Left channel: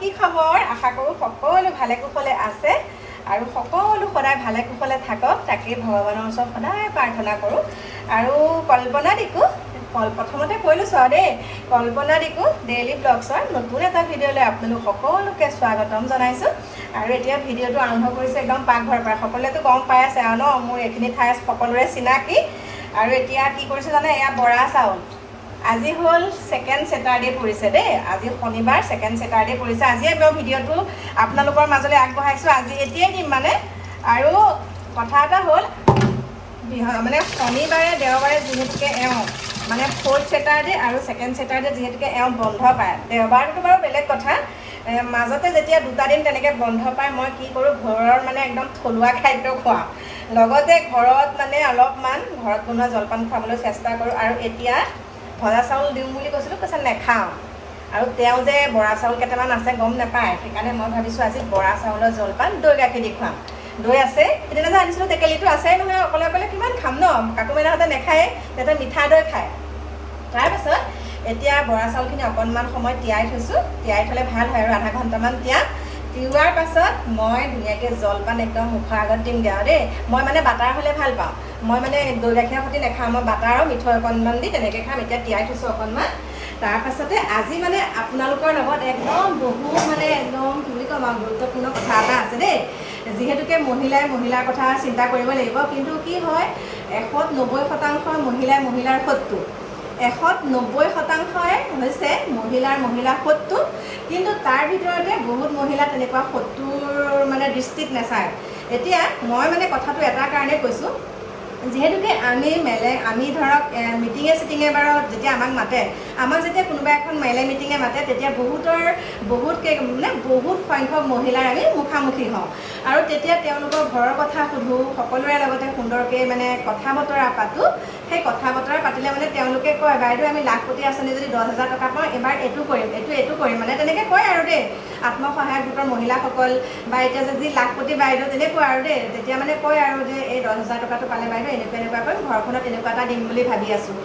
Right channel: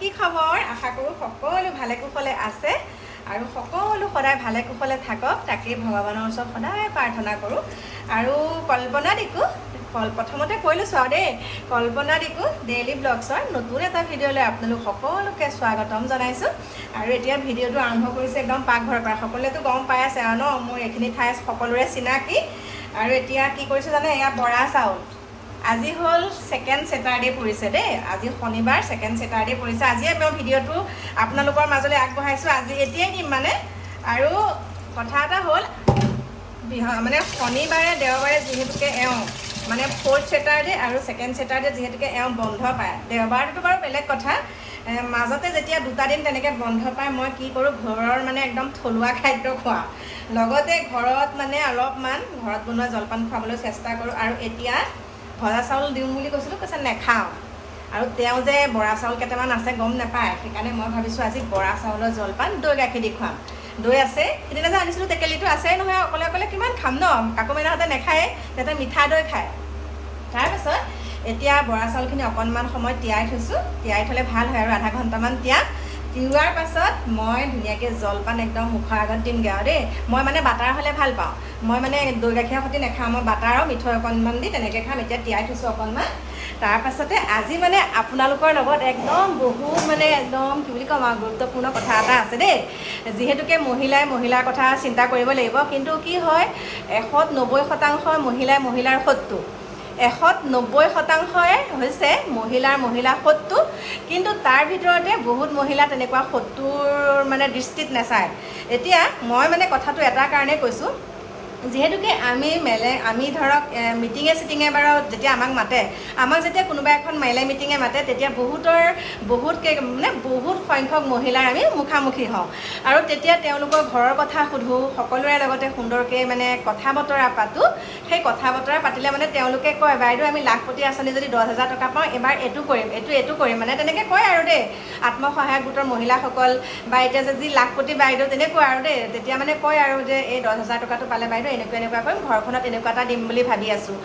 কি খবৰ আশা কৰো সকলো ভালে কুশলে আছে আৰু সকলো সদায় ভালে কুশলে থাকক তাকে ভগৱানৰ ওচৰত সদায় প্ৰাৰ্থনা কৰো আৰু কল্পনা দিকু প্ৰথমতে কৈলো দেই কল্পনা দিকু ডেইলি ব্লগছৰ নতুন এটা ভিডিঅ'লৈ আপোনালোক সকলোকে স্বাগতম জনাইছো আৰু এতিয়া ভিডিঅ'টো আৰম্ভ কৰিছে একদম পাকঘৰৰ পৰা সকলোৱেতো গম পাই আছে আৰু ন মোৰ এইখিনি ঠাই সকলোৰে চিনাকি আৰু এতিয়া কি কৰিছে জানে এয়া বৰা চাউল আজি হল সেকেন্ড স্যাটাৰডে পৰিছে দেই আজি শনিবাৰ সেকেন্ড স্যাটাৰডে পৰিছে আজি মই ভিডিঅ'টো আপোনালোকৰ মাজলৈ আগবঢ়াইছো আজি এতিয়াই দিম মানে আৰু কথা এটা হল মানে শনিবাৰে দেওবাৰে যেহেতুকে মানে ফোৰ্থ স্যাটাৰডে আৰু সেকেন্ড স্যাটাৰডে যেহেতুকে বন্ধ পায় দেওবাৰটো বাৰু বেলেগ কথা মাজতে যেতিয়া দুটা দিন তেনেকৈ বন্ধ পায় মই কি কৰোঁ ঘৰৰ মানে একদম থলুৱা খাদ্য খোৱা লগতে ঘৰত মানে অলপমান ঘৰত বনোৱা জলপান খুৱাবলৈ চেষ্টা কৰোঁ আৰু এতিয়া ভজা চাউল দিম বুলি কৈছিলোঁ কৈছে নেখাওঁ আৰু তেওঁ যে বৰা চাউল কেইটামান আছে গম নাপায় সেইকাৰণে মই ভাবিছোঁ আজি বৰা চাউলৰ জলপান দৈ গাখীৰ দি খুৱাম দৈ আছে সেইদিনা যে আনিছিলোঁ টেকেলিটো আছেই নহয় অকলে অকলে কিমান খাম ন কাকু মেদাহঁতে নেখায় তেতিয়া মিঠা দৈ খায় তাৰপাছত এতিয়া বৰা চাউলখিনি অকণমান সময় তিয়াই থৈছোঁ তিয়াই থ'লে ভাল হয় আৰু আধা ঘণ্টামান তিওৱাৰ পাছত মই ধুনীয়াকৈ জলপান একদম মুখৰ আগত দিমগৈ আৰু দেই মই মানে বাটাৰ হ'লে ভাল পাওঁ মই মানে দৈ গাখীৰৰ সৈতে নাখাওঁ মই বাটাৰ আৰু মিঠৈ অকণমান দি তেনেকৈ খাম এতিয়া তিয়াই থৈছোঁ অকণমান তাৰপাছতে আজি মানে আপোনালোকৰ লগত একদম বহুত মানে একদম কি বুলি ক'ম আৰু গুৰুত্বপূৰ্ণ কথা এটা আছে দেই যিহেতুকে মহিলাৰ কথা চিন্তা কৰিব লাগিব কিন্তু কি হয় 190% মহিলাৰ শত্ৰু 190% হৈছে মহিলাৰ শত্ৰু কিন্তু তাৰ ভিতৰতে বহুত মহিলা তেনেকুৱা শত্ৰুৰ মানে দৃষ্টিত নাচায় এতিয়া মই মানে কথাটো এটা কাৰণে কৈছোঁ যিহেতুকে আমি ধৰক মিটিঙে চিটিঙে বাৰু যেতিয়া আমাক মাতে আমাক যেতিয়া কোনোবা এখন মেলে মিটিঙে মাতে তেতিয়া বহুত সংখ্যক মহিলাৰ আমি মুখামুখি হওঁ আৰু তেতিয়া তেওঁলোকৰ ঘৰৰ কথা সুধোঁ সকলোৰে লগতে সুন্দৰকৈ মানে কথা বতৰা পাতোঁ সেই কথা বতৰা পাতিলে মানে তেওঁলোকে কয় বাইদেউ আমি লাখপতি আঁচনি যদি 10,000 টকা পাওঁ এবাৰ এইটো কৰিম মানে তেনেকৈ কয় আৰু দেই আত্মসহায়ক গোটৰ মহিলাসকল বা এতিয়া যে যি লাখপতি বাইদেউ তেনেকুৱা আৰু দেই তেতিয়া মানে কয় আৰু যে এই 10,000 টকাটো পালে বাইদেউ এনেকুৱা কৰিম ঘৰখনত এনেকুৱা এটা দিম বুলি ভাবি আছোঁ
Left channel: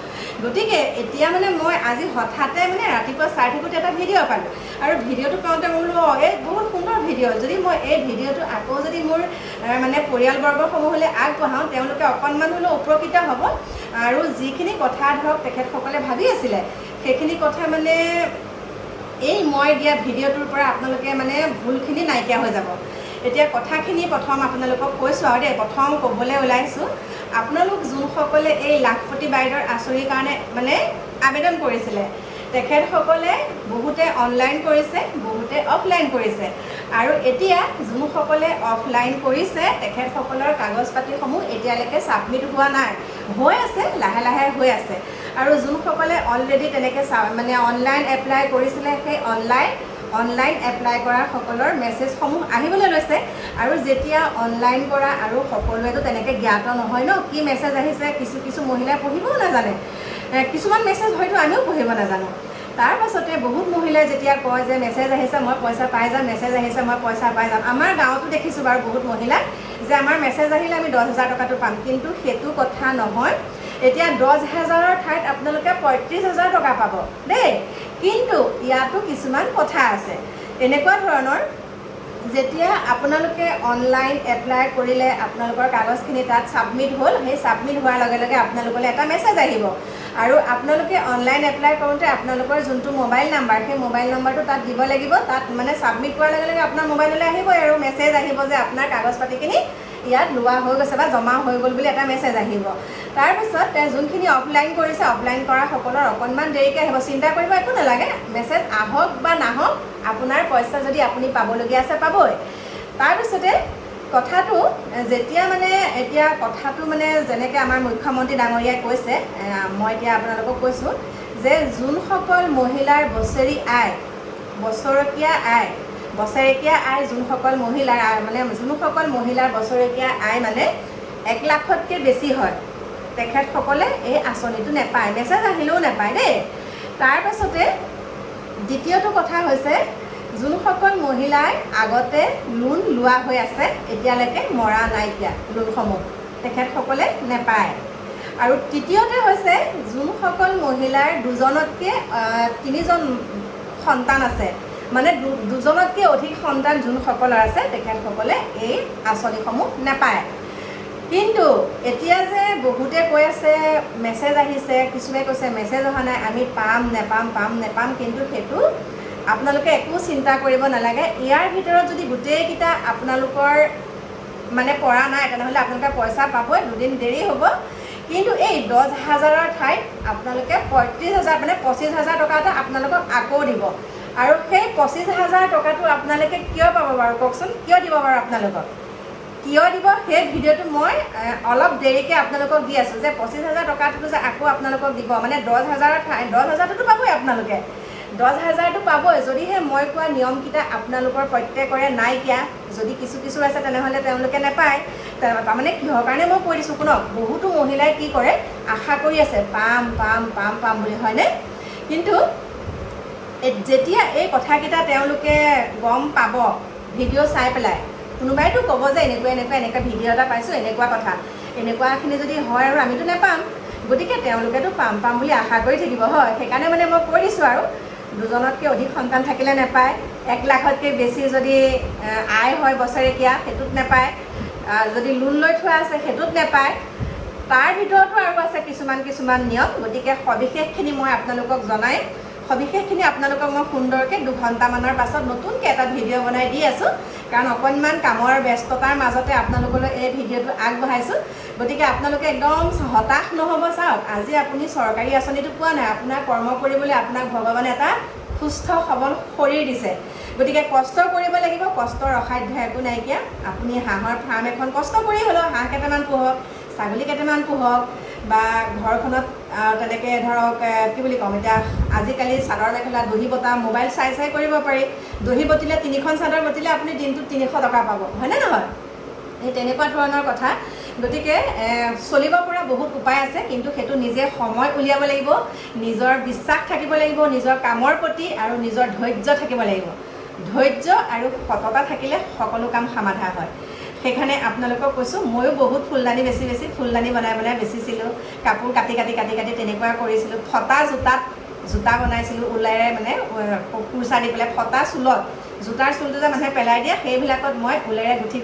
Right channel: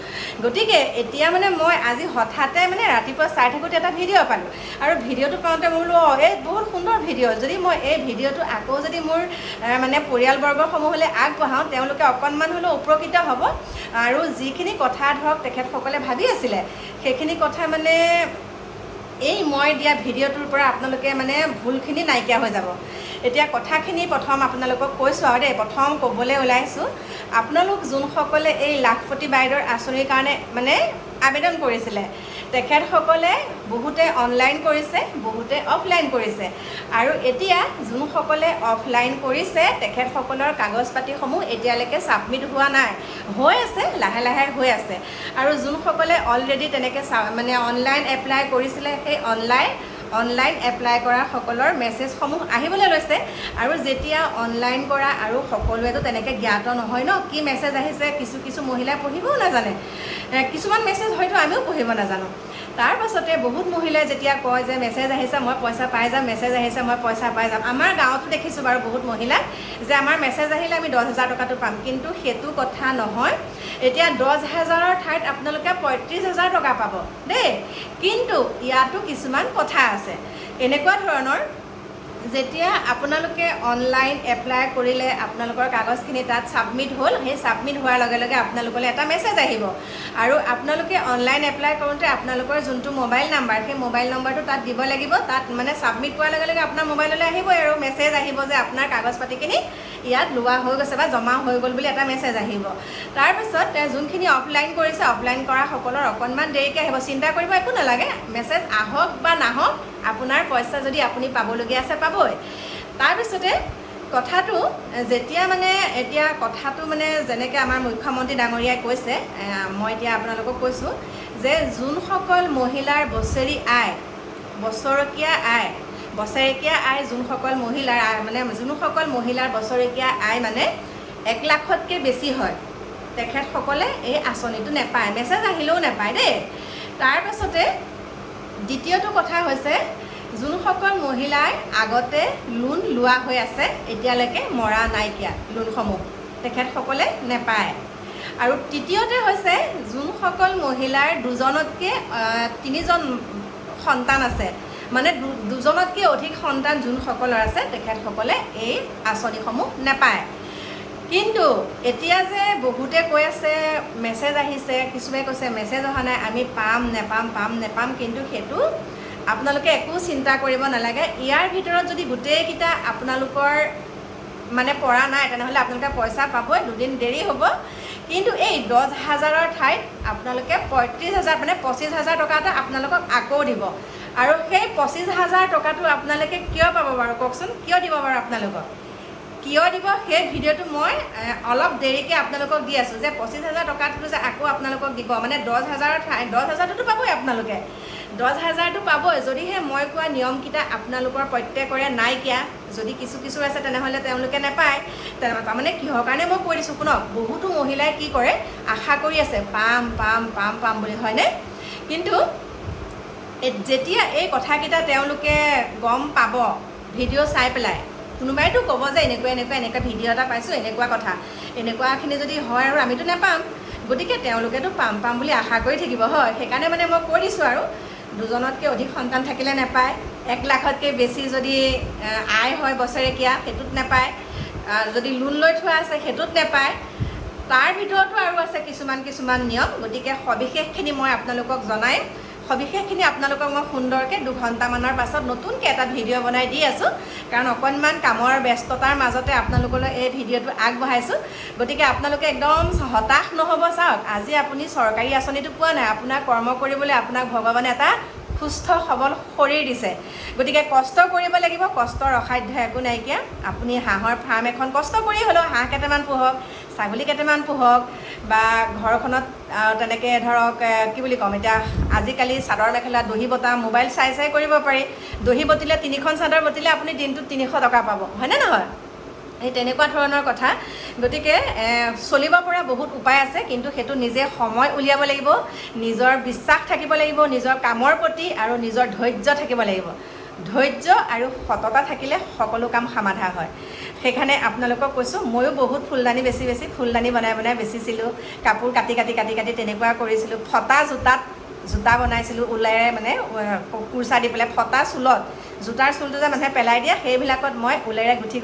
গতিকে এতিয়া মানে মই আজি হঠাতে মানে ৰাতিপুৱা চাই থাকোঁতে এটা ভিডিঅ' পালোঁ আৰু ভিডিঅ'টো পাওঁতে মোৰ এই বহুত সুন্দৰ ভিডিঅ' যদি মই এই ভিডিঅ'টো আকৌ যদি মোৰ মানে পৰিয়ালবৰ্গসমূহলৈ আগবঢ়াওঁ তেওঁলোকে অকণমান হ'লেও উপকৃত হ'ব আৰু যিখিনি কথা ধৰক তেখেতসকলে ভাবি আছিলে সেইখিনি কথা মানে এই মই দিয়া ভিডিঅ'টোৰ পৰা আপোনালোকে মানে ভুলখিনি নাইকিয়া হৈ যাব এতিয়া কথাখিনি প্ৰথম আপোনালোকক কৈছোঁ আৰু দেই প্ৰথম ক'বলৈ ওলাইছোঁ আপোনালোক যোনসকলে এই লাখপতি বাইদেউৰ আঁচনিৰ কাৰণে মানে আবেদন কৰিছিলে তেখেতসকলে বহুতে অনলাইন কৰিছে বহুতে অফলাইন কৰিছে আৰু এতিয়া যোনসকলে অফলাইন কৰিছে তেখেতসকলৰ কাগজ পাতিসমূহ এতিয়ালৈকে ছাবমিট হোৱা নাই হৈ আছে লাহে লাহে হৈ আছে আৰু যোনসকলে অলৰেডি তেনেকৈ মানে অনলাইন এপ্লাই কৰিছিলে সেই অনলাইন এপ্লাই কৰা সকলৰ মেছেজসমূহ আহিবলৈ লৈছে আৰু যেতিয়া অনলাইন কৰা আৰু সকলোৱেতো তেনেকৈ জ্ঞাত নহয় ন কি মেছেজ আহিছে কিছু মহিলাই পঢ়িবও নাজানে কিছুমান মেছেজ হয়তো আমিও পঢ়িব নাজানো তাৰ পাছতে বহুত মহিলাই যেতিয়া কয় যে মেছেজ আহিছে মই পইচা পাই যাম মেছেজ আহিছে মই পইচা পাই যাম আমাৰ গাঁৱতো দেখিছোঁ বাৰু বহুত মহিলাই যে আমাৰ মেছেজ আহিলে আমি 10,000 টকাটো পাম কিন্তু সেইটো কথা নহয় এতিয়া 10,000ৰ ঠাইত আপোনালোকে 35,000 টকা পাব দেই কিন্তু ইয়াতো কিছুমান কথা আছে এনেকুৱা ধৰণৰ যেতিয়া আপোনালোকে অনলাইন এপ্লাই কৰিলে আপোনালোকৰ কাগজখিনি তাত ছাবমিট হ'ল সেই ছাবমিট হোৱাৰ লগে লগে আপোনালোকলৈ এটা মেছেজ আহিব আৰু আপোনালোকে অনলাইন এপ্লাই কৰোঁতে আপোনালোকৰ যোনটো মোবাইল নাম্বাৰ সেই মোবাইল নম্বৰটো তাত দিব লাগিব তাত মানে ছাবমিট কৰাৰ লগে লগে আপোনাৰ মোবাইললৈ আহিবই আৰু মেছেজ আহিব যে আপোনাৰ কাগজ পাতিখিনি ইয়াত লোৱা হৈ গৈছে বা জমা হৈ গ'ল বুলি এটা মেছেজ আহিব তাৰপিছত যোনখিনি অফলাইন কৰিছে অফলাইন কৰা সকলৰ অকণমান দেৰিকৈ আহিব চিন্তা কৰিব একো নালাগে মেছেজ আহক বা নাহক আপোনাৰ পইচা যদি আপুনি পাবলগীয়া আছে পাবই তাৰপিছতে কথাটো যেতিয়া মানে এতিয়া কথাটো মানে যেনেকৈ আমাৰ মুখ্যমন্ত্ৰী ডাঙৰীয়াই কৈছে মই এতিয়া আপোনালোকক কৈছোঁ যে যোনসকল মহিলাৰ বছৰেকীয়া আয় যোনসকল মহিলাৰ বছৰেকীয়া আয় মানে 1 লাখতকৈ বেছি হয় তেখেতসকলে এই আঁচনিটো নাপায় মেছেজ আহিলেও নাপায় দেই তাৰপাছতে দ্বিতীয়টো কথা হৈছে যোনসকল মহিলাই আগতে লোন লোৱা হৈ আছে এতিয়ালৈকে মৰা নাইকিয়া লোনসমূহ তেখেতসকলে নাপায় আৰু তৃতীয়তে হৈছে যোনসকল মহিলাৰ 2জনতকৈ 3জন সন্তান আছে মানে দুজনতকৈ অধিক সন্তান যোনসকলৰ আছে তেখেতসকলে এই আঁচনিসমূহ নাপায়। কিন্তু এতিয়া যে বহুতে কৈ আছে মেছেজ আহিছে, কিছুমানে কৈছে মেছেজ অহা নাই, আমি পাম নেপাম, কিন্তু সেইটো আপোনালোকে একো চিন্তা কৰিব নালাগে। ইয়াৰ ভিতৰত যদি গোটেইকেইটা আপোনালোকৰ মানে পৰা নাই তেনেহ'লে আপোনালোকে পইচা পাবই, দুদিন দেৰি হ'ব। কিন্তু এই 10,000ৰ ঠাইত আপোনালোকে 35,000 মানে 25,000 টকা এটা আপোনালোকক আকৌ দিব। আৰু সেই 25,000 টকাটো আপোনালোকে কিয় পাব বাৰু কওকচোন, কিয় দিব বাৰু আপোনালোকক, কিয় দিব সেই ভিডিঅ'টো মই অলপ দেৰিকৈ আপোনালোকক দি আছোঁ যে 25,000 টকাটো যে আকৌ আপোনালোকক দিব। মানে 10,000ৰ ঠাইত 10,000টোতো পাবই আপোনালোকে, 10,000টো পাবই যদিহে মই কোৱা নিয়মকেইটা আপোনালোকৰ প্ৰত্যেকৰে নাইকিয়া। যদি কিছু আছে তেনেহ'লে তেওঁলোকে নাপায়। তাৰমানে কিহৰ কাৰণে মই কৈ দিছোঁ শুনক, বহুতো মহিলাই কি কৰে আশা কৰি আছে পাম বুলি, হয়নে? কিন্তু যেতিয়া এই কথাকেইটা তেওঁলোকে গম পাব ভিডিঅ' চাই পেলাই, কোনোবাইতো ক'ব যে এনেকুৱা ভিডিঅ' এটা পাইছোঁ, এনেকুৱা কথা, এনেকুৱাখিনি যদি হয় আৰু আমিতো নাপাম, গতিকে তেওঁলোকেতো পাম বুলি আশা কৰি থাকিব, হয়। সেইকাৰণে মানে মই কৈ দিছোঁ আৰু দুজনতকৈ অধিক সন্তান থাকিলে নাপায়, 1 লাখতকৈ বেছি যদি আয় হয় বছৰেকীয়া সেইটোত নাপায়, যদি লোন লৈ থোৱা আছে সেইটোত নাপায়। তাৰ ভিতৰতো আৰু আছে কিছুমান নিয়ম। গতিকে সবিশেষখিনি মই আপোনালোকক জনাই, সবিশেষখিনি আপোনালোকক মই সুন্দৰকৈ 2 ঘণ্টামানৰ পাছত নতুনকৈ এটা ভিডিঅ' বনাই দি আছোঁ। কাৰণ অকণমান কামৰ ব্যস্ততাৰ মাজতে আপোনালোকলৈ এই ভিডিঅ'টো আগবঢ়াইছোঁ। গতিকে আপোনালোকে একদম হতাশ নহ'ব। চাওক, আজি আপুনি চৰকাৰী আঁচনিটো পোৱা নাই, আপোনাৰ কৰ্ম কৰিবলৈ আপোনাক ভগৱানে এটা সুস্থ সবল শৰীৰ দিছে। গতিকে কষ্ট কৰিব লাগিব, কষ্টৰ অসাধ্য একো নাইকিয়া। আপুনি হাঁহৰ ফাৰ্ম এখন কষ্ট কৰি হ'লেও হাঁহ কেইটামান পোহক, ছাগলী কেইটামান পোহক, বা ঘৰখনত তেনেকৈ ধৰক কি বুলি ক'ম, এতিয়া আজিকালি চাদৰ মেখেলা দহি বটা মোবাইল চাই কৰিব পাৰি। দহি বটিলে 3খন চাদৰ বটিলে আপুনি দিনটোত 300 টকা পাব, হয়নে নহয়? এই তেনেকুৱা ধৰণৰ কথা। গতিকে চলিব পৰা বহুত উপায় আছে, কিন্তু সেইটো নিজে সময় উলিয়াব লাগিব, নিজৰ বিশ্বাস থাকিব লাগিব নিজৰ কামৰ প্ৰতি, আৰু নিজৰ ধৈৰ্য থাকিব লাগিব। ধৈৰ্য আৰু সততা থাকিলে সকলো কাম সমাধা হয়। সেইকাৰণে আপোনালোকক কৈছোঁ, ময়ো বহুত ফুলদানি ফুলদানি বনাই বেচিছিলোঁ, কাপোৰ কাটি তেনেকুৱা কৰিছিলোঁ। ফটা জোতা বনাইছিলোঁ ঊলেৰে, মানে কুৰ্চা দি পেলাই ফটা চুলত, জোতাৰ চুলটো যে মানুহে পেলাই দিয়ে সেইবিলাকত মই ঊলেৰে গুঠি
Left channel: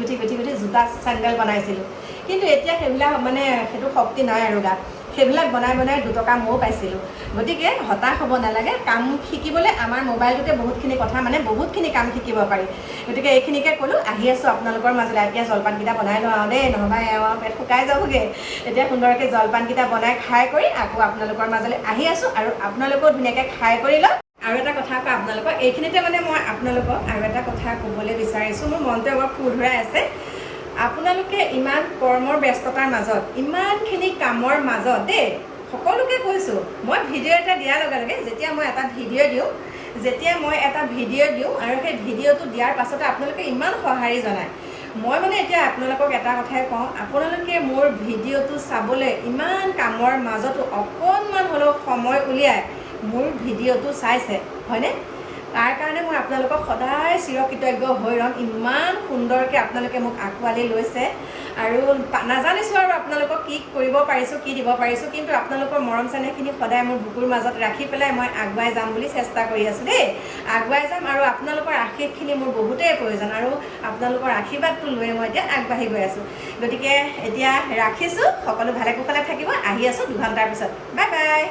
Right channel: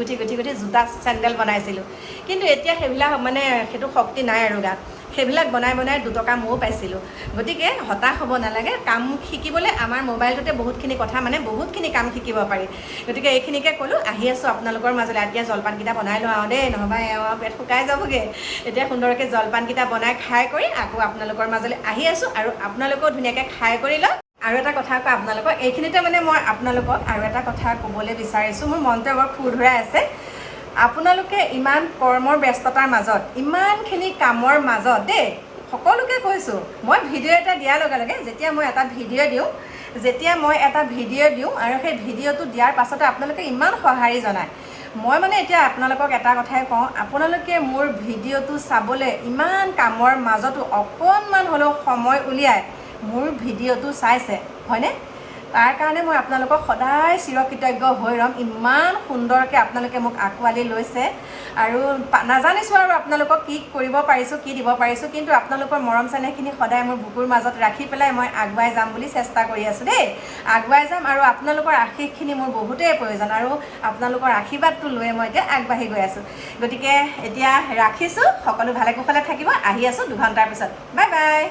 জোতা চেণ্ডেল বনাইছিলোঁ। কিন্তু এতিয়া সেইবিলাক মানে সেইটো শক্তি নাই আৰু গাত। সেইবিলাক বনাই 2 টকা ময়ো পাইছিলোঁ। গতিকে হতাশ হ'ব নালাগে। কাম শিকিবলৈ আমাৰ মোবাইলটোতে বহুতখিনি কথা, মানে বহুতখিনি কাম শিকিব পাৰি। গতিকে এইখিনিকে ক'লোঁ, আহি আছোঁ আপোনালোকৰ মাজলৈ। এতিয়া জলপানকেইটা বনাই লওঁ আৰু দেই, নহ'বা পেট শুকাই যাবগৈ। এতিয়া সুন্দৰকৈ জলপানকেইটা বনাই খাই কৰি আকৌ আপোনালোকৰ মাজলৈ আহি আছোঁ, আৰু আপোনালোকেও ধুনীয়াকৈ খাই কৰি লওক। আৰু এটা কথা কওঁ আপোনালোকক, এইখিনিতে মানে মই আপোনালোকক আৰু এটা কথা ক'বলৈ বিচাৰিছোঁ, মোৰ মনটো অলপ খুৰ ধৰাই আছে। আপোনালোকে ইমান কৰ্মৰ ব্যস্ততাৰ মাজত, ইমানখিনি কামৰ মাজত দেই, সকলোকে কৈছোঁ, মই ভিডিঅ' এটা দিয়াৰ লগে লগে যেতিয়া মই এটা ভিডিঅ' দিওঁ আৰু সেই ভিডিঅ'টো দিয়াৰ পাছতে আপোনালোকে ইমান সঁহাৰি জনায়। মই মানে এতিয়া আপোনালোকক এটা কথাই কওঁ, আপোনালোকে মোৰ ভিডিঅ'টো চাবলৈ ইমান কামৰ মাজতো অকণমান হ'লেও সময় উলিয়াই মোৰ ভিডিঅ'টো চাইছে, হয়নে? তাৰ কাৰণে মই আপোনালোকক সদায় চিৰকৃতজ্ঞ হৈ ৰ'ম। ইমান সুন্দৰকৈ আপোনালোকে মোক আঁকোৱালি লৈছে, আৰু নাজানিছোঁ আৰু আপোনালোকক কি কৰিব পাৰিছোঁ, কি দিব পাৰিছোঁ, কিন্তু আপোনালোকৰ মৰম চেনেহখিনি সদায় মোৰ বুকুৰ মাজত ৰাখি পেলাই মই আগুৱাই যাম বুলি চেষ্টা কৰি আছোঁ দেই। আগুৱাই যাম, আৰু আপোনালোকৰ আশীৰ্বাদখিনি মোৰ বহুতেই প্ৰয়োজন, আৰু আপোনালোকৰ আশীৰ্বাদটো লৈয়ে মই এতিয়া আগবাঢ়ি গৈ আছোঁ। গতিকে এতিয়া ৰাখিছোঁ, সকলো ভালে কুশলে থাকিব। আহি আছোঁ 2 ঘণ্টাৰ পিছত। Bye bye.